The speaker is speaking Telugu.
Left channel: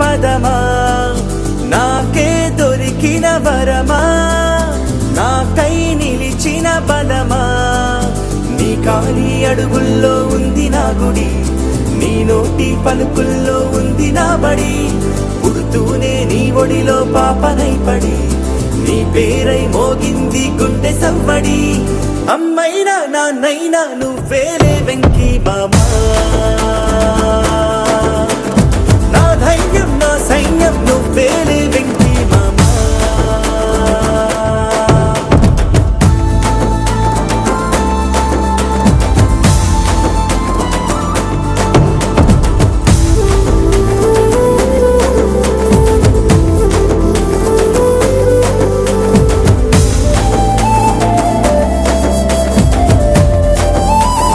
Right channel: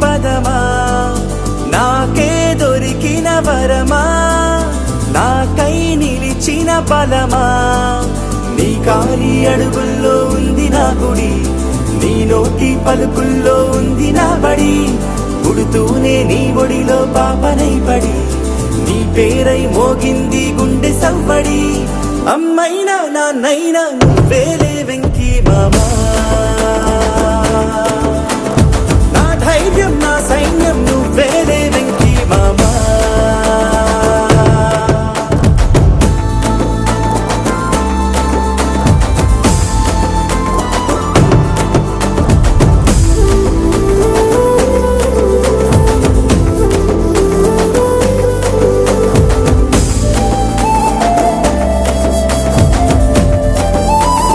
పదవా నాకే దొరికిన వరమా నాకై నిలిచిన పదమా నీ కారి అడుగుల్లో ఉంది నా గుడి నీ నోటి పలుకుల్లో ఉంది నా బడి పుడుతూనే నీ ఒడిలో పాపనై పడి నీ పేరై మోగింది గుండె సవ్వడి అమ్మైనా నా నాన్నైనా నువ్వేలే వెంకీ బాబా